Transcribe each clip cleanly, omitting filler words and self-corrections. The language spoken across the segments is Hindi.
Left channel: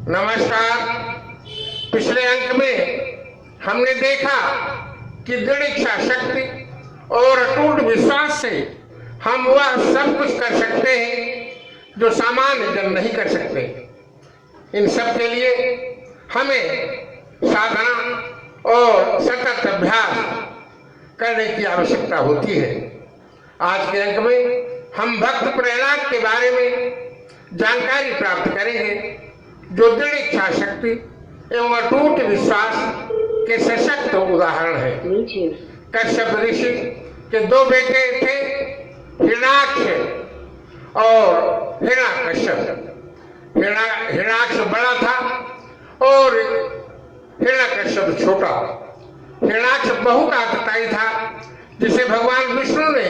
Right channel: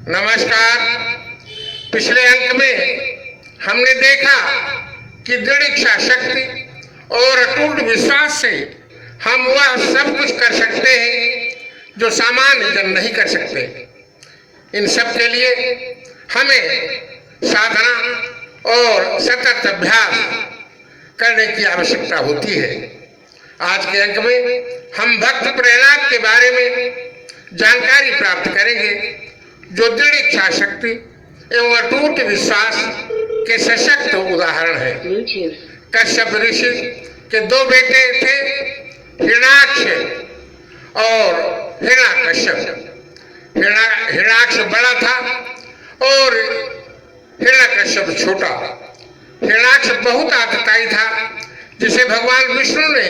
नमस्कार। पिछले अंक में हमने देखा कि दृढ़ इच्छा शक्ति और अटूट विश्वास से हम वह सब कुछ कर सकते हैं जो सामान्य जन नहीं कर सकते। इन सब के लिए हमें साधना और सतत अभ्यास करने की आवश्यकता होती है। आज के अंक में हम भक्त प्रहलाद के बारे में जानकारी प्राप्त करेंगे, जो दृढ़ इच्छा शक्ति एवं अटूट विश्वास के सशक्त उदाहरण है। कश्यप ऋषि के दो बेटे थे, हिरण्याक्ष और हिरण्यकश्यप। हिरण्याक्ष बड़ा था और हिरण्यकश्यप छोटा। हिरण्याक्ष बहुत आतताई था, जिसे भगवान विष्णु ने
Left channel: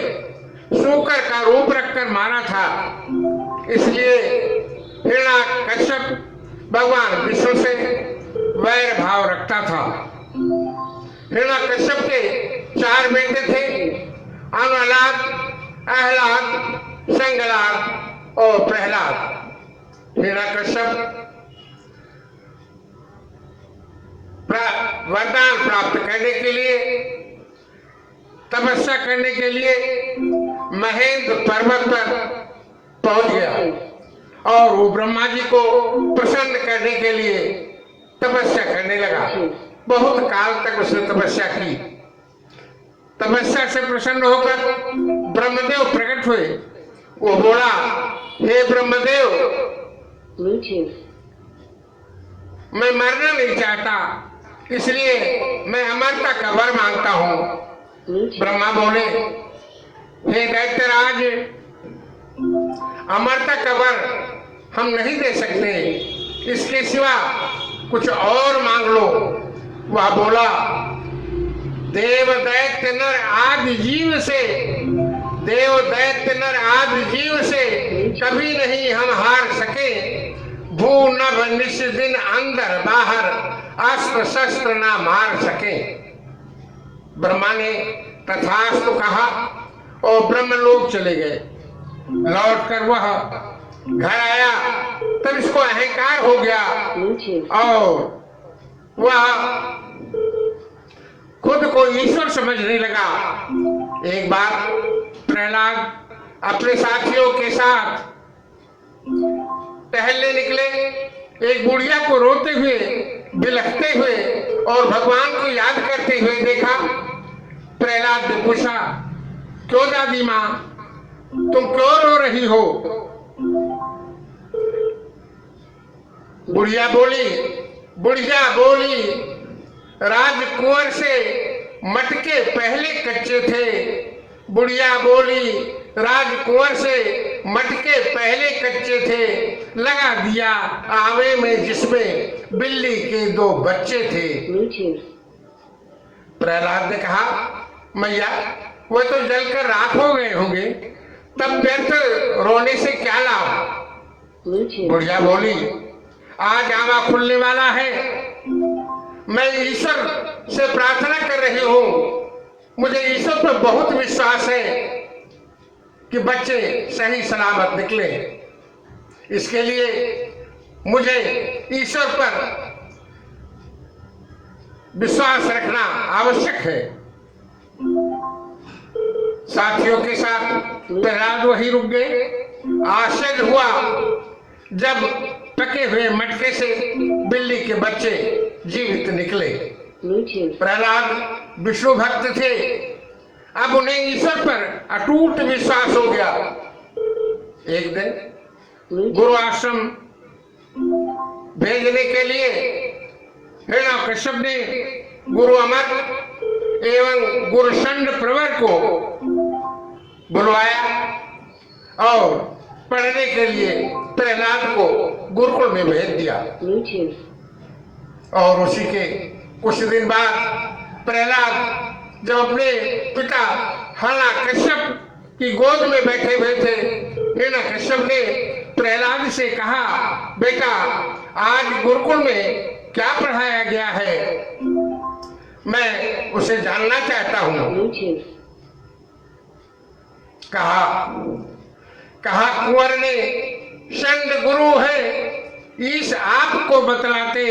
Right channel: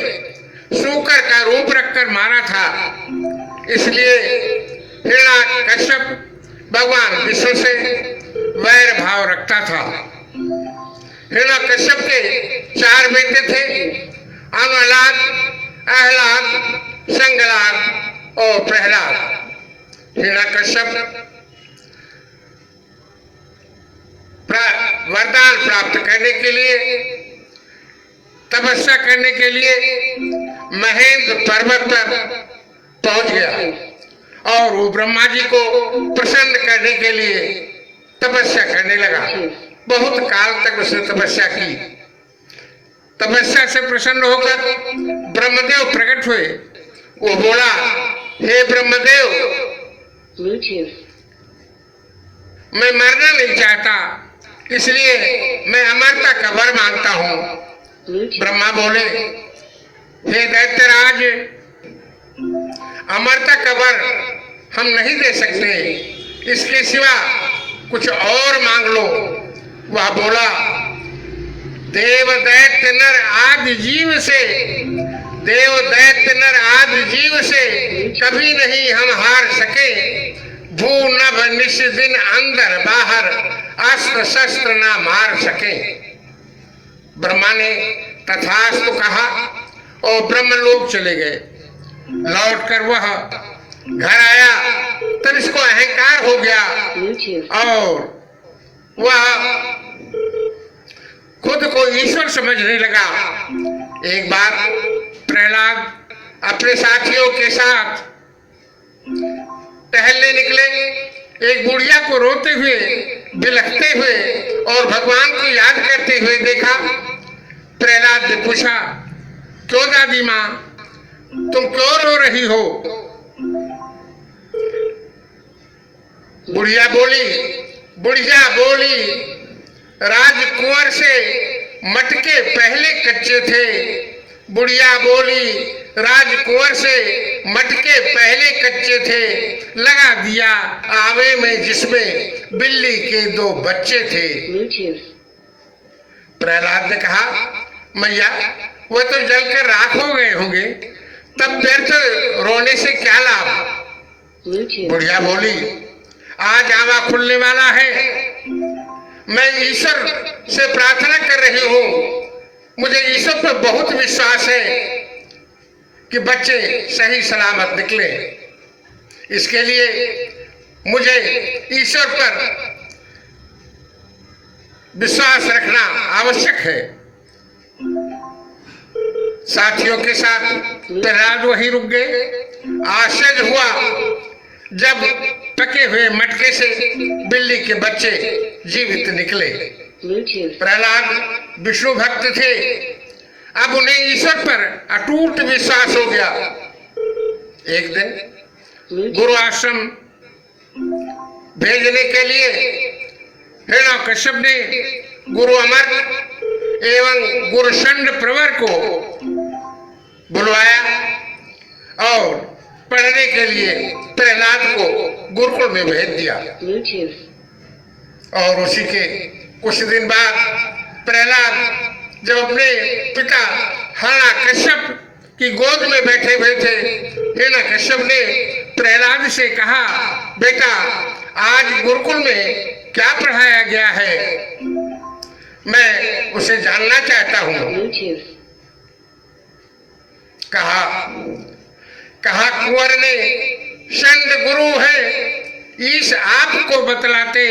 सूकर का रूप रखकर मारा था। इसलिए हिरण्याकश्यप भगवान विष्णु से वैर भाव रखता था। हिरण्याकश्यप के 4 बेटे थे, अमलाद, अहलाद, संगलाद और प्रहलाद। हिरण्याकश्यप वरदान प्राप्त करने के लिए, तपस्या करने के लिए महेंद्र पर्वत पर पहुंच गया और वो ब्रह्मा जी को प्रसन्न करने के लिए तपस्या करने लगा। बहुत काल तक उसने तपस्या की। तपस्या से प्रसन्न होकर ब्रह्मदेव प्रकट हुए। वो बोला, हे ब्रह्मदेव, मैं मरना नहीं चाहता, इसलिए मैं अमरता का वर मांगता हूँ। ब्रह्मा बोले, हे दैत्यराज, अमरता का वर हम नहीं दे सकते, इसके सिवा कुछ और मांग लो। वह बोला, देव दैत्य नर आदि जीव से, देव दैत्य नर आदि जीव से कभी नहीं हम हार सके। भू नभ निश दिन अंदर बाहर अस्त्र शस्त्र ना मार सके। ब्रह्मा ने तथास्तु कहा और ब्रह्मलोक चले गए। लौटकर वह घर आया, तब इसको अहंकार हो गया और वह खुद को ईश्वर समझने लगा। एक बार प्रहलाद अपने साथियों के साथ टहलने निकले। एक बुढ़िया को रोते हुए, बिलखते हुए और भगवान को याद करते हुए देखा। प्रहलाद ने पूछा, क्यों दादी माँ, तुम क्यों रो रही हो? बुढ़िया बोली, राजकुंवर से मटके पहले कच्चे थे। बुढ़िया बोली, राजकुंवर से मटके पहले कच्चे थे, लगा दिया आवे में जिसमें बिल्ली के 2 बच्चे थे। प्रहलाद ने कहा, मैया, वो तो जलकर राख हो गए होंगे, तब व्यर्थ रोने से क्या लाभ? बुढ़िया बोली, आज आवा खुलने वाला है, मैं ईश्वर से प्रार्थना कर रही हूँ। मुझे ईश्वर पर बहुत विश्वास है कि बच्चे सही सलामत निकले। इसके लिए मुझे ईश्वर पर विश्वास रखना आवश्यक है। साथियों के साथ प्रहलाद वहीं रुक गए। आश्चर्य हुआ जब पके हुए मटके से बिल्ली के बच्चे जीवित निकले। प्रहलाद विष्णु भक्त थे, अब उन्हें ईश्वर पर अटूट विश्वास हो गया। एक दिन गुरु आश्रम भेजने के लिए हिरण्यकश्यप ने गुरु अमर एवं गुरु षंड प्रवर को बुलवाया और पढ़ने के लिए प्रहलाद को गुरुकुल में भेज दिया। और उसी के कुछ दिन बाद प्रहलाद जब अपने पिता हिरण्यकश्यप की गोद में बैठे हुए थे, हिरण्यकश्यप ने प्रहलाद से कहा, बेटा, आज गुरुकुल में क्या पढ़ाया गया है, मैं उसे जानना चाहता हूँ। कहा कुंवर ने षंड गुरु है, ईश आपको बतलाते।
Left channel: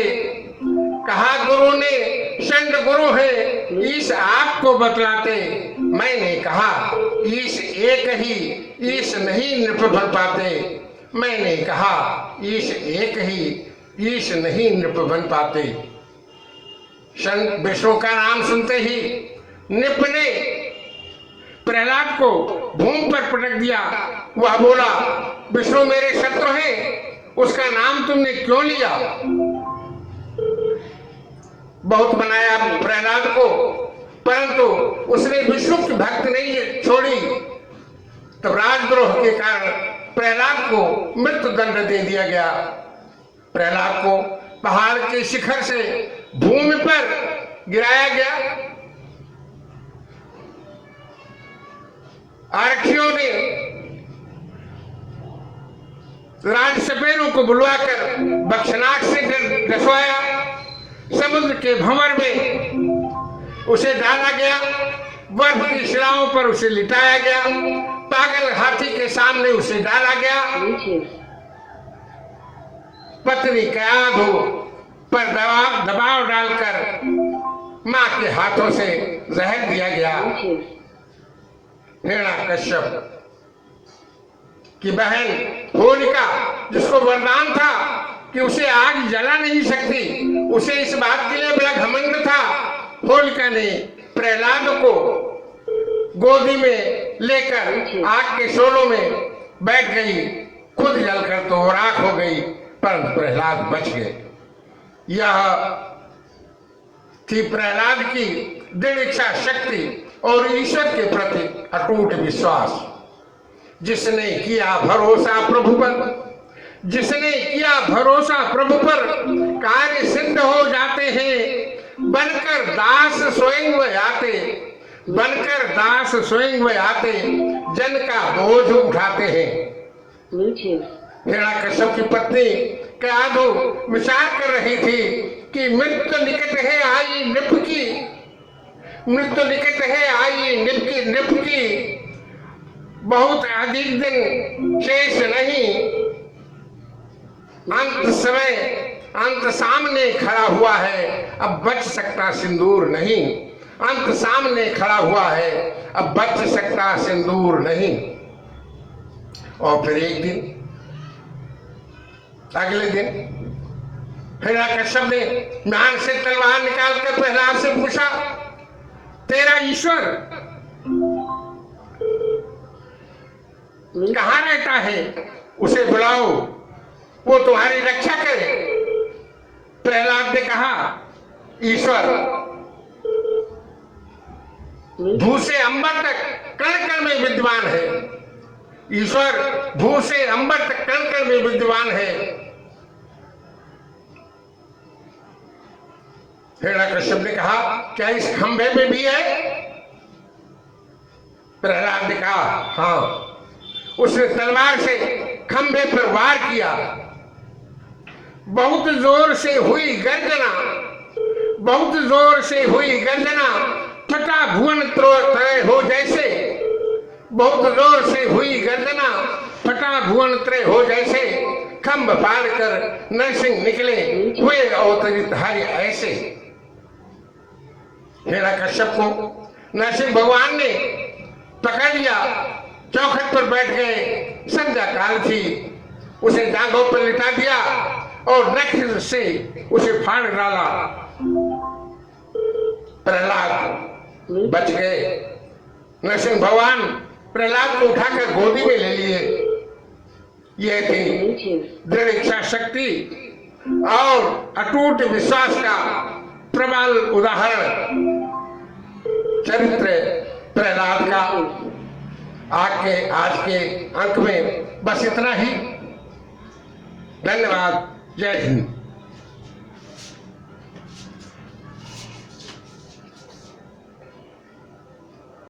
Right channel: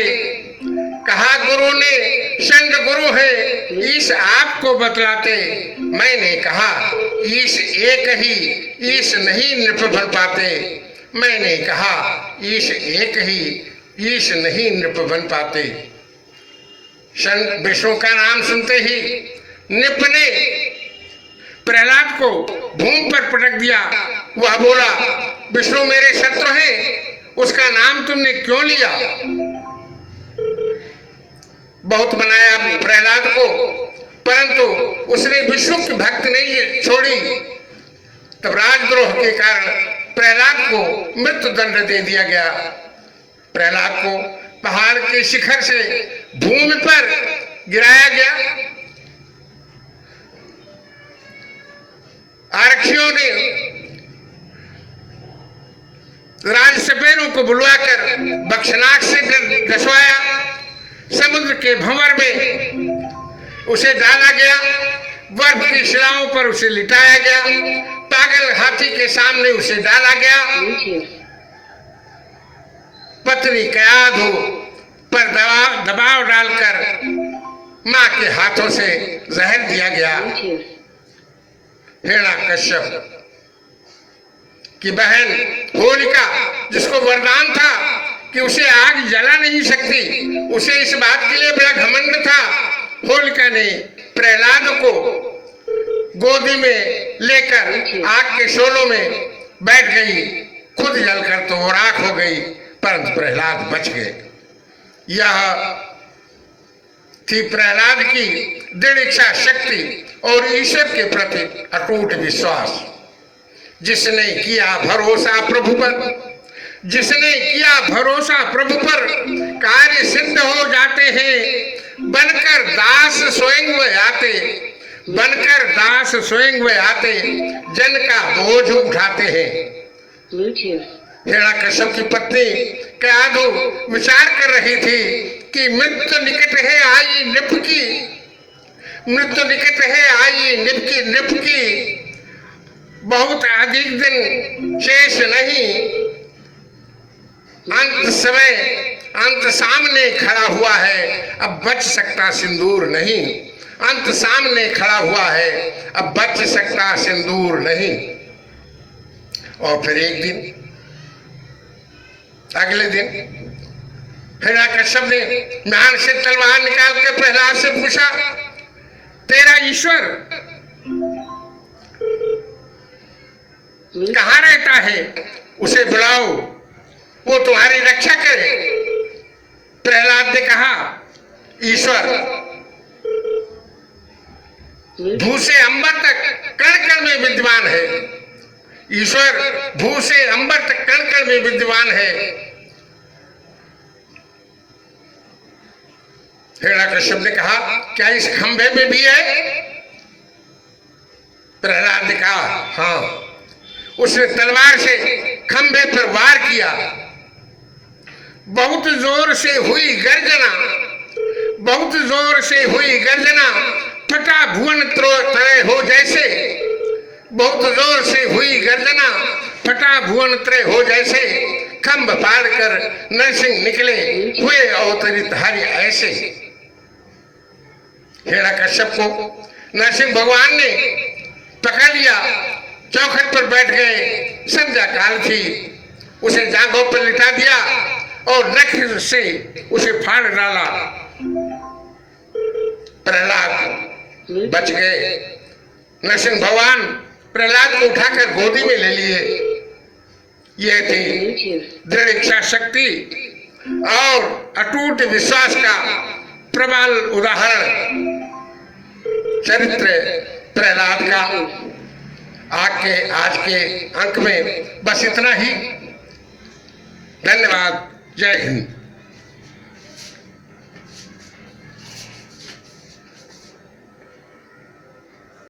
कहा गुरु ने संग गुरु है, ईश आपको बतलाते। मैंने कहा ईश एक ही, ईश नहीं नृप बन पाते। मैंने कहा ईश एक ही, ईश नहीं नृप बन पाते। संत विष्णु का नाम सुनते ही नृप ने प्रहलाद को भूमि पर पटक दिया। वह बोला, विष्णु मेरे शत्रु हैं, उसका नाम तुमने क्यों लिया? बहुत मनाया प्रहलाद को, परंतु उसने विष्णु की भक्ति नहीं छोड़ी। तब राजद्रोह के कारण प्रहलाद को मृत्यु दंड दे दिया गया। प्रहलाद को पहाड़ के शिखर से भूमि पर गिराया गया। आरक्षियों ने राजसपेरों को बुलवाकर बक्सनाक से डसवाया। समुद्र के भंवर में उसे डाला गया। बर्फ की शिलाओं पर उसे लिटाया गया। पागल हाथी के सामने उसे डाला गया। पत्नी कयाधु पर दबाव डालकर मां के हाथों से जहर दिया गया। हिरण्यकश्यप की बहन होलिका, जिसको वरदान था कि उसे आग जला नहीं सकती, उसे इस बात के लिए बड़ा घमंड था। होलिका ने प्रहलाद को गोदी में लेकर आग के शोलों में बैठ गई। खुद जलकर तो राख हो गई, परंतु प्रहलाद बच गए। यह थी प्रहलाद की दृढ़ इच्छा शक्ति और ईश्वर के प्रति अटूट विश्वास। जिसने किया भरोसा प्रभु पर, जिसने किया भरोसा प्रभु पर, कार्य सिद्ध हो जाते हैं। बनकर दास स्वयं वे आते, बनकर दास स्वयं वे आते, जन का बोझ उठाते हैं। हिरण्यकश्यप की पत्नी कयाधु विचार कर रही थी कि मृत्यु निकट है आई नृप की, मृत्यु निकट है आई नृप की, बहुत अधिक दिन शेष नहीं। अंत समय, अंत सामने खड़ा हुआ है, अब बच सकता सिंदूर नहीं। अंत सामने खड़ा हुआ है, अब बच सकता सिंदूर नहीं। और फिर एक दिन, अगले दिन हिरण्यकश्यप ने म्यान से तलवार निकाल कर प्रहलाद से पूछा, तेरा ईश्वर कहाँ रहता है? उसे बुलाओ, वो तुम्हारी रक्षा करे। प्रहलाद ने कहा, ईश्वर भू से अंबर तक कण कण में विद्यमान है। ईश्वर भू से अंबर तक कण कण में विद्यमान है। हिरण्यकश्यप ने कहा, क्या इस खंभे में भी है? प्रहलाद ने कहा, हाँ। उसने तलवार से खंभे पर वार किया। बहुत जोर से हुई गर्जना, बहुत जोर से हुई गर्जना, फटा भुवन त्रय हो जैसे, बहुत जोर से हुई गर्जना, फटा भुवन त्रय हो जैसे। खंभ फाड़ कर नरसिंह निकले, हुए अवतरित हरि ऐसे। हिरण्यकश्यप को नरसिंह भगवान ने पकड़ लिया, चौखट पर बैठ गए। संध्या काल थी, उसे जांघों पर लिटा दिया और नख से उसे फाड़ डाला। प्रहलाद बच गए। नरसिंह भगवान प्रहलाद को उठाकर गोदी में ले लिए। यह थी दृढ़ इच्छा शक्ति और अटूट विश्वास का प्रबल उदाहरण, चरित्र प्रहलाद का। आज के अंक में बस इतना ही। धन्यवाद। जय हिंद।